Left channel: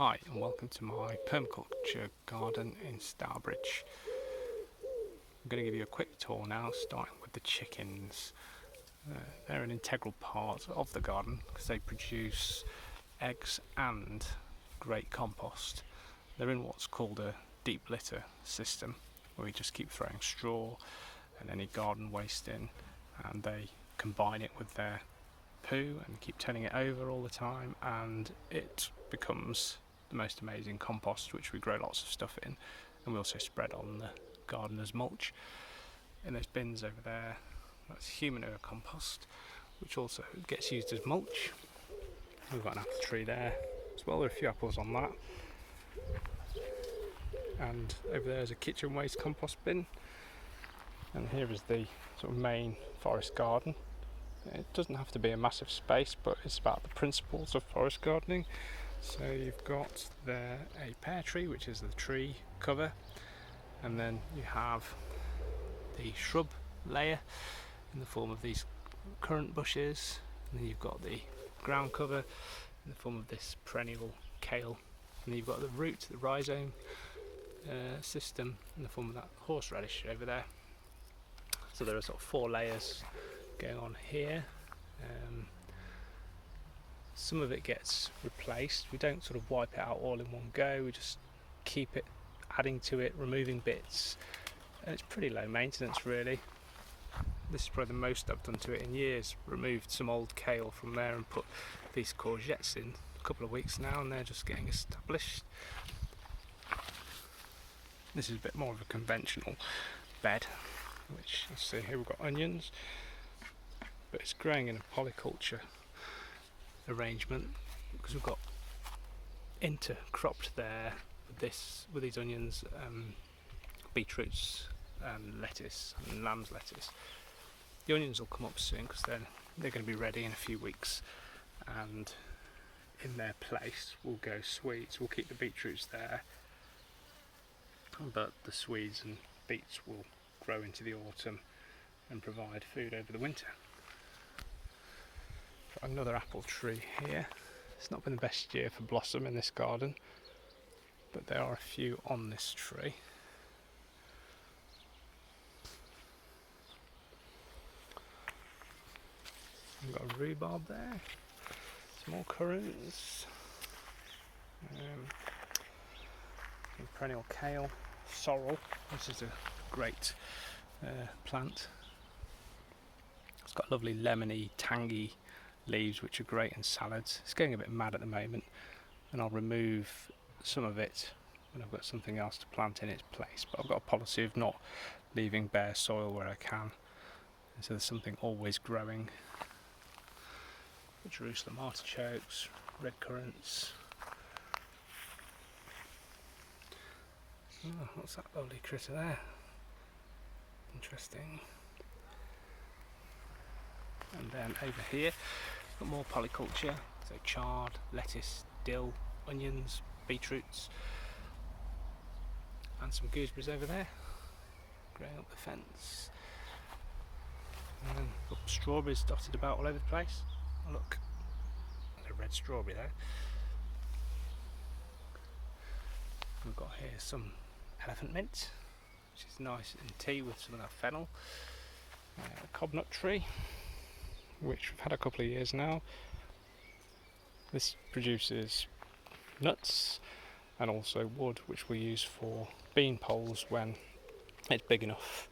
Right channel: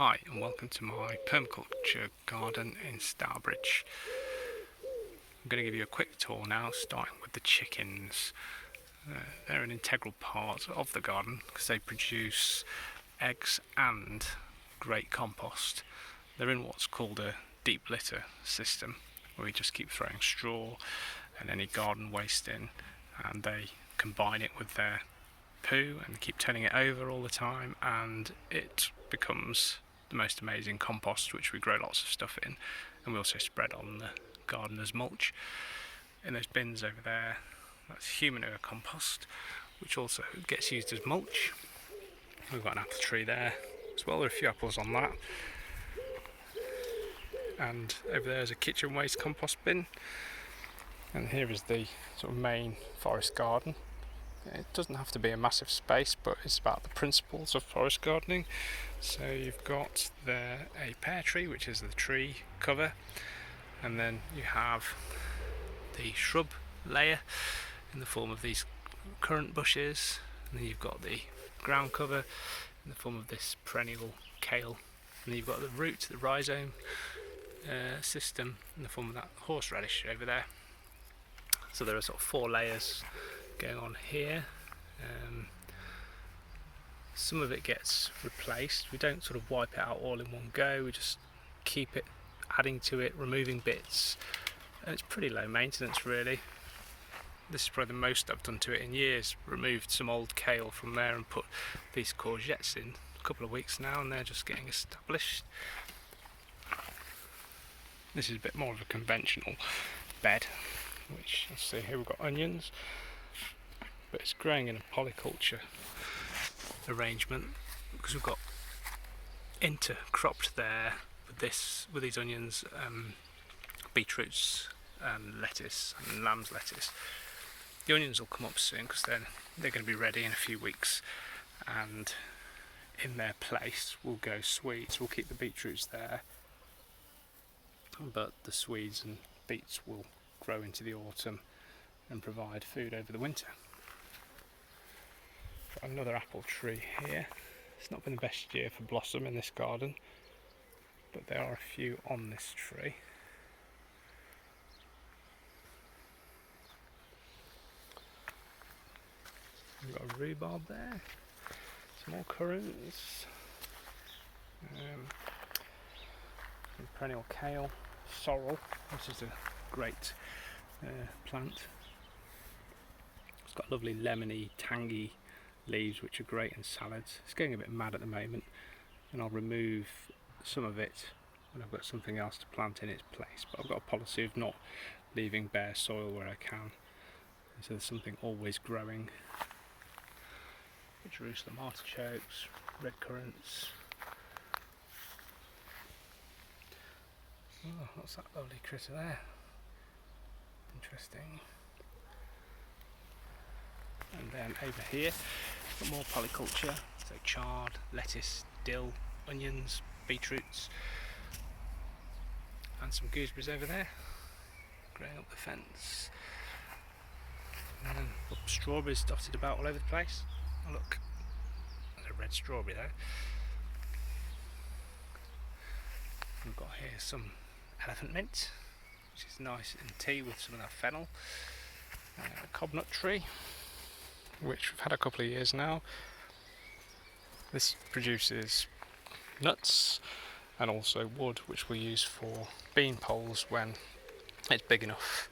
Hi and welcome to my permaculture garden in Stourbridge. I'm going to give you a quick tour now, starting with the chickens. They're an integral part of the garden because they produce eggs and great compost. They're in what's called a deep litter system, where we just keep throwing straw and any garden waste in, and they combine it with their poo and keep turning it over all the time, and it becomes the most amazing compost, which we grow lots of stuff in, and we also spread on the garden as mulch. In those bins over there, that's human manure compost, which also gets used as mulch. We've got an apple tree there as well. There are a few apples on that, and over there is a kitchen waste compost bin, and here is the sort of main forest garden. It doesn't have to be a massive space, but it's about the principles of forest gardening. So you've got there a pear tree, which is the tree cover, and then you have the shrub layer in the form of these currant bushes, and then you've got the ground cover in the form of this perennial kale, and then you've got the root, the rhizome system in the form of that horseradish over there. So there are sort of 4 layers going on here. Some of it gets replaced. We don't sort of wipe it out all in one go, we just keep it adding to it, removing bits, and it's pretty low maintenance really. This is probably the most I've done to it in years. Removed some old kale from there and put these courgettes in a couple of weeks now, and they're just getting established. This is a bit more of a conventional bed, which, let's see, here we've got onions, but it's growing in a polyculture arrangement because we've got intercropped there with these onions, beetroots and lettuce and lamb's lettuce. The onions will come up soon because they're going to be ready in a few weeks, and in their place will go swedes. We'll keep the beetroots there, but the swedes and beets will grow into the autumn and provide food over the winter. Got another apple tree here. It's not been the best year for blossom in this garden, but there are a few on this tree. We've got a rhubarb there, some more currants, some perennial kale, sorrel. This is a great plant. It's got lovely lemony, tangy leaves which are great in salads. It's going a bit mad at the moment, and I'll remove some of it when I've got something else to plant in its place, but I've got a policy of not leaving bare soil where I can, and so there's something always growing. Jerusalem artichokes, red currants. Oh, what's that lovely critter there? Interesting. And then over here, got more polyculture, so chard, lettuce, dill, onions, beetroots, and some gooseberries over there, growing up the fence. And then strawberries dotted about all over the place. Oh look, there's a red strawberry there. We've got here some elephant mint, which is nice in tea with some of that fennel. A cobnut tree, which we've had a couple of years now. This produces nuts and also wood, which we use for bean poles when it's big enough.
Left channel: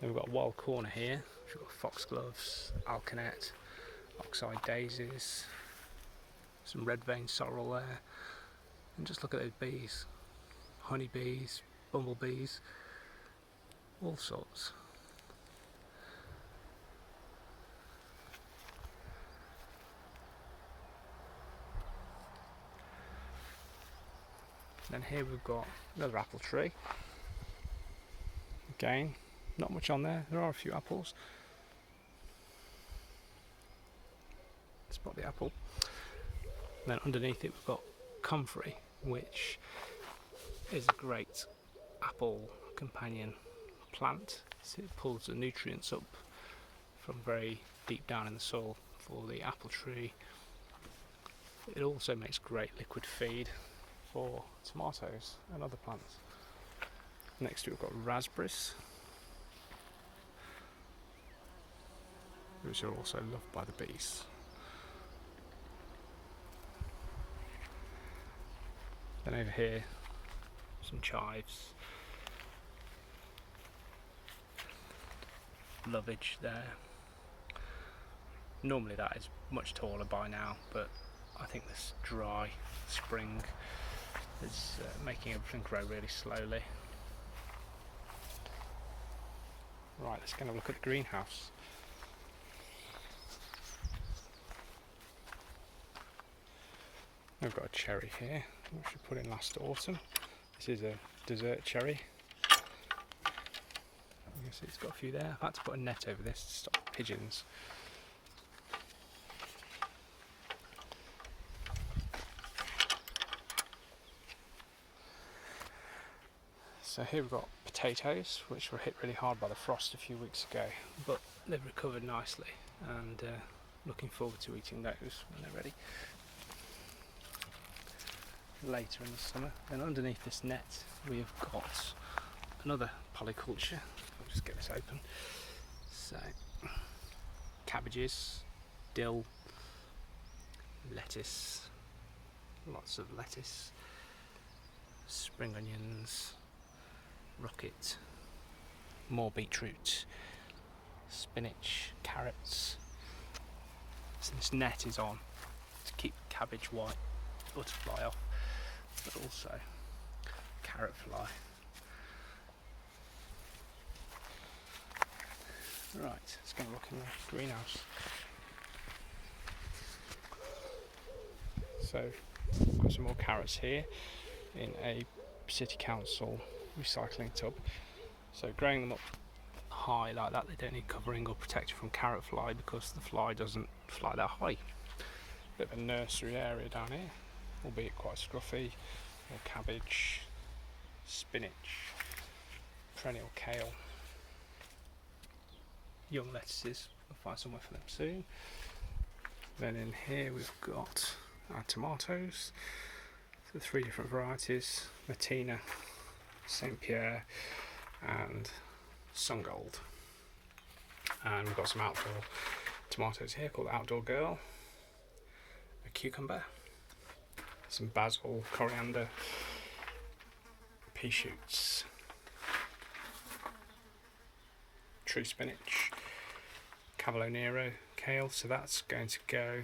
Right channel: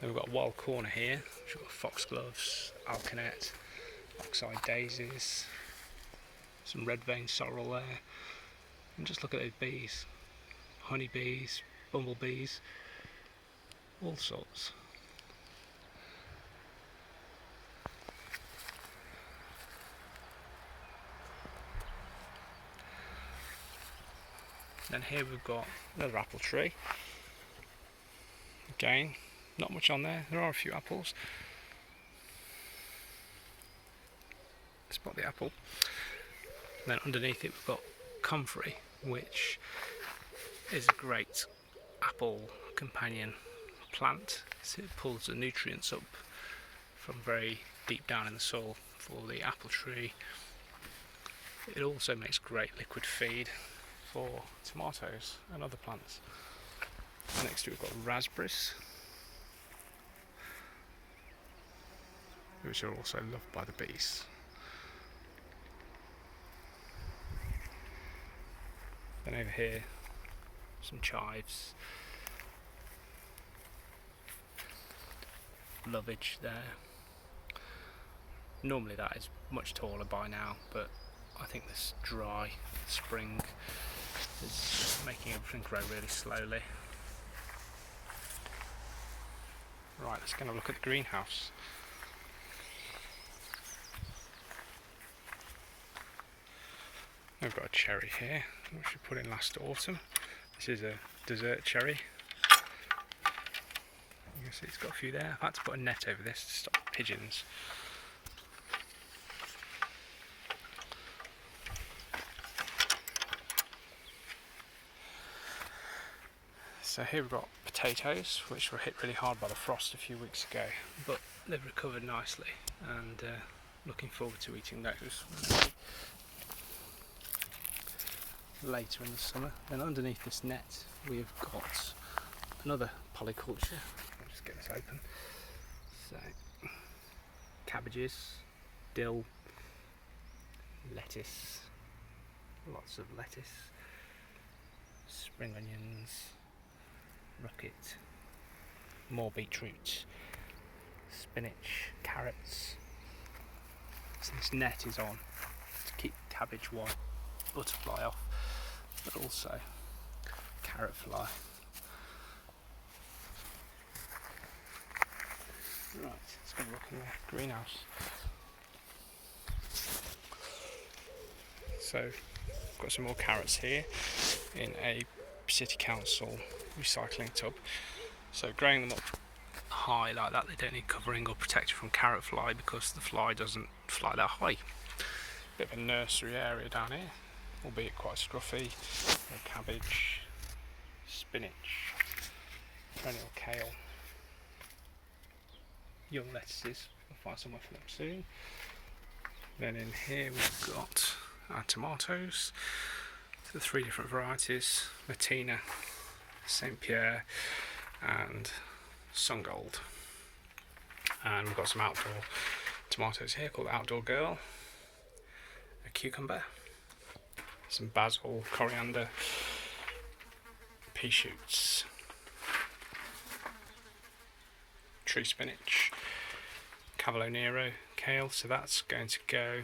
Then we've got a wild corner here, which we've got foxgloves, alkanet, oxeye daisies, some red vein sorrel there, and just look at those bees, honeybees, bumblebees, all sorts. Then here we've got another apple tree. Again, not much on there. There are a few apples. Spot the apple. And then underneath it we've got comfrey, which is a great apple companion plant. So it pulls the nutrients up from very deep down in the soil for the apple tree. It also makes great liquid feed, for tomatoes and other plants. Next we've got raspberries, which are also loved by the bees. Then over here, some chives, lovage there. Normally that is much taller by now, but I think this dry spring is making everything grow really slowly. Right, let's go and look at the greenhouse. We've got a cherry here, which we put in last autumn. This is a dessert cherry. You can see it's got a few there. I've had to put a net over this to stop pigeons. So here we've got potatoes, which were hit really hard by the frost a few weeks ago, but they've recovered nicely, and looking forward to eating those later in the summer. Then underneath this net we've got another polyculture. I'll just get this open. So cabbages, dill, lettuce, lots of lettuce, spring onions, rocket, more beetroot, spinach, carrots. So this net is on to keep cabbage white butterfly off, but also carrot fly. Right, let's go and look in the greenhouse. So I've got some more carrots here in a city council recycling tub. So growing them up high like that, they don't need covering or protection from carrot fly because the fly doesn't fly that high. Bit of a nursery area down here, albeit quite scruffy. More cabbage, spinach, perennial kale, young lettuces. We'll find somewhere for them soon. Then in here we've got our tomatoes, the 3 different varieties: Martina, Saint Pierre and Sungold. And we've got some outdoor tomatoes here called Outdoor Girl, a cucumber, some basil, coriander, pea shoots, tree spinach, Cavolo Nero, kale. So that's going to go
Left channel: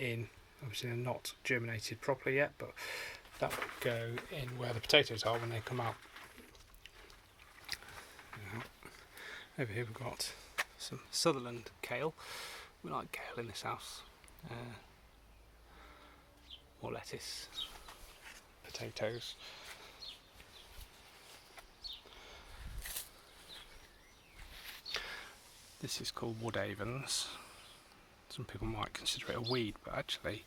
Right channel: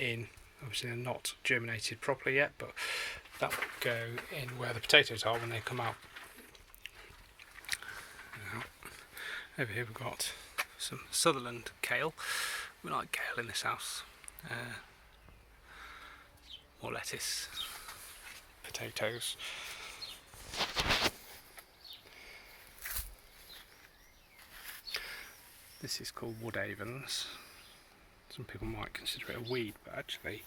in. Obviously they're not germinated properly yet, but that will go in where the potatoes are when they come out. Over here we've got some Sutherland kale. We like kale in this house. More lettuce, potatoes. This is called woodavens. Some people might consider it a weed, but actually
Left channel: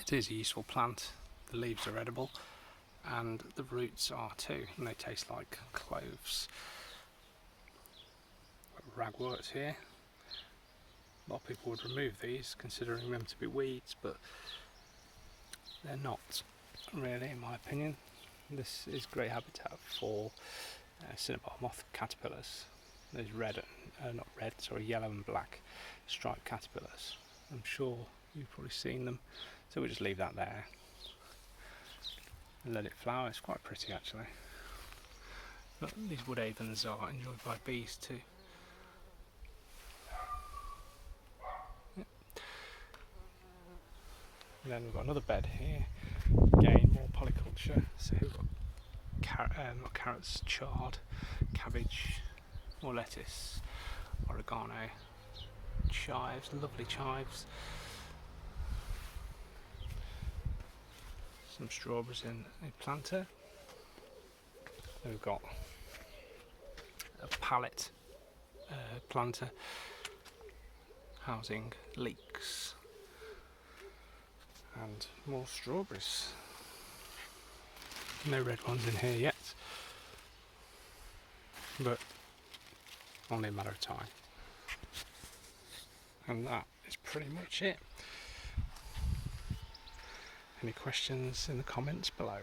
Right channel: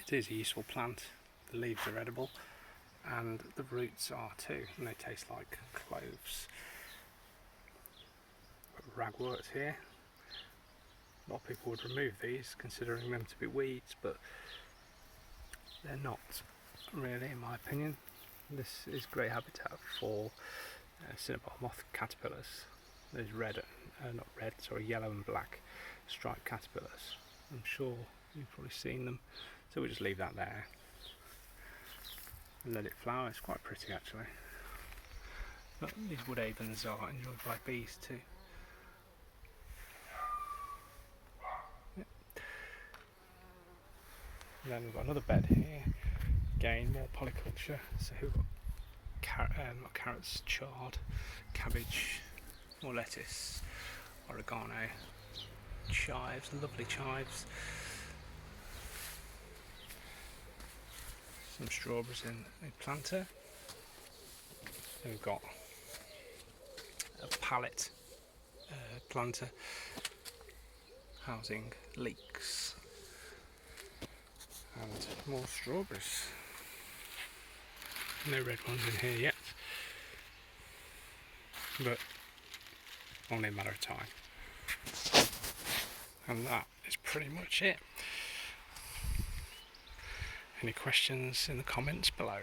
it is a useful plant. The leaves are edible and the roots are too, and they taste like cloves. Ragworts here. A lot of people would remove these considering them to be weeds, but they're not really, in my opinion. This is great habitat for cinnabar moth caterpillars. There's yellow and black striped caterpillars. I'm sure you've probably seen them, so we'll just leave that there and let it flower. It's quite pretty actually. But these woodavens are enjoyed by bees too. And then we've got another bed here, again more polyculture. So we've got not carrots, chard, cabbage, more lettuce, oregano, chives, lovely chives, some strawberries in a planter. Then we've got a pallet planter housing leeks. And more strawberries. No red ones in here yet, but only a matter of time. And that is pretty much it. Any questions in the comments below?